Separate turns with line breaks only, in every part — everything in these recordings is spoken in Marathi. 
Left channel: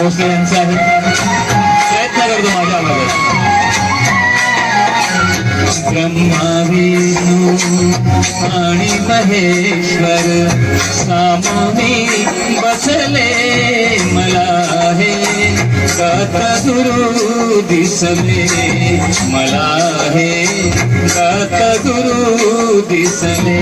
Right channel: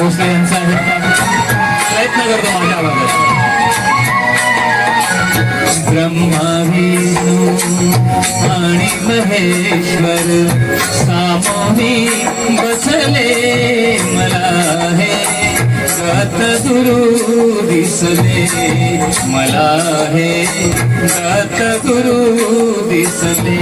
भोसले यांचा आहे प्रयत्न करतो माझ्या आवाजात ब्रह्मा विष्णू आणि महेश्वर सामोही बसले मला हे गत गुरु दिसले मला हे गत गुरु दिसले.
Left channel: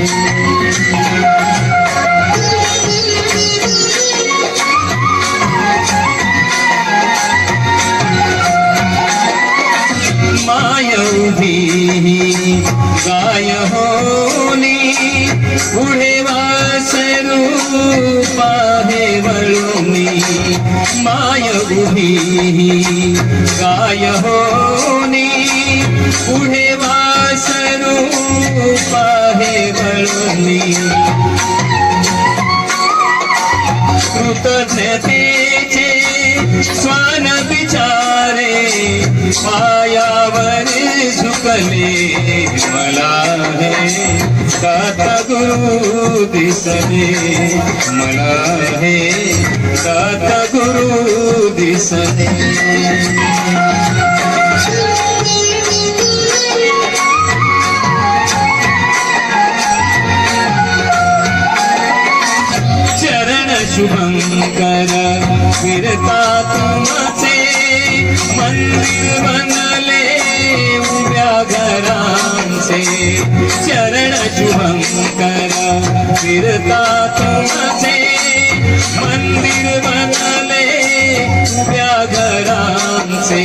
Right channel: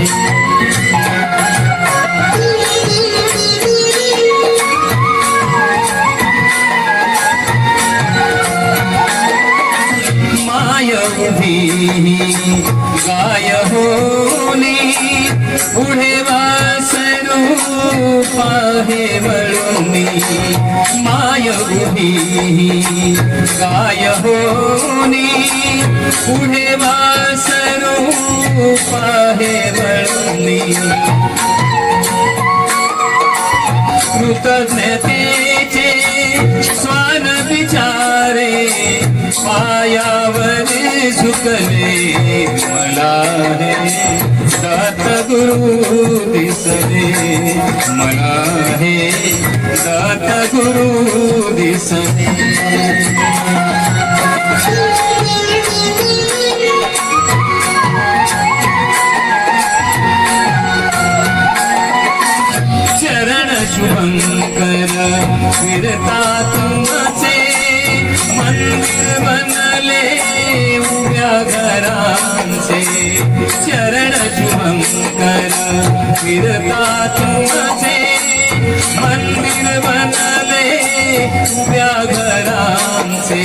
माय उभी गाय होनी पुढे वासरू पाहे वळुनी माय उभी गाय होनी पुढे वासरू पाहे वळुनी कृतज्ञतेचे स्वान विचारे पायावर झुकले मला हे दात गुरु दिसले मला हे दात गुरु दिसले. चरण शुभंकर फिरता तुमचे मंदिर बनले. चरण शुभंकर फिरता तुमचे मंदिर बनले उभ्या घरांचे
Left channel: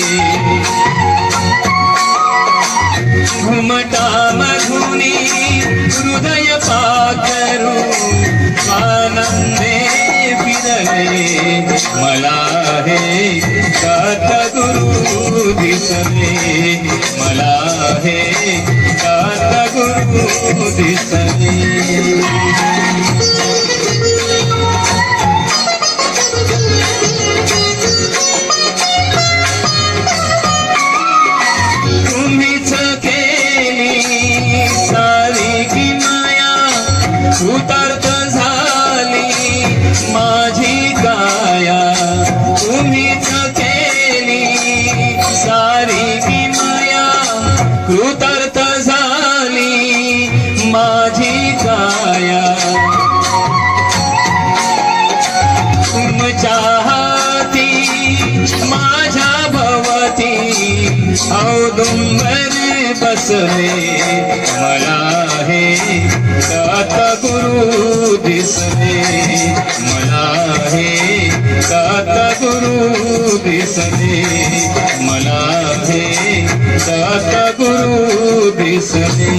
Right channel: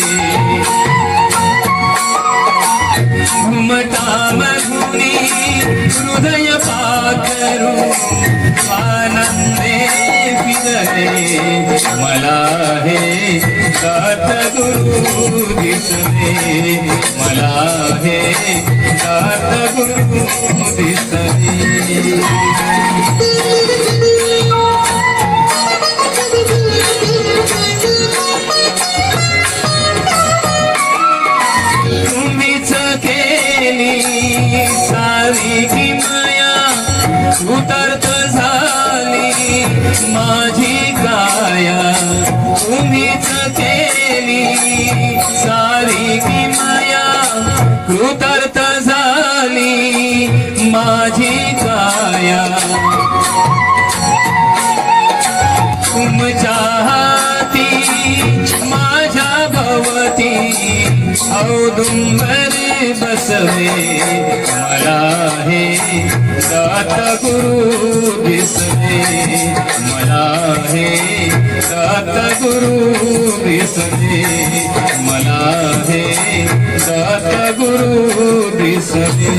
घुमटा मधुनी हृदय पाकरू आनंदे फिरले मला हे दात गुरु दिसले मला आहे. दात गुरु दिसले तुम्हीच केली सारी की माया. झाली माझी काया. तुम्हीच केली कृतार्थ झाली माझी काया. तुमच्या हाती माझ्या भवती औदुंबर बसले. मला हे दात गुरु दिसले. मला हे दात गुरु दिसले. मला हे दात गुरु दिसले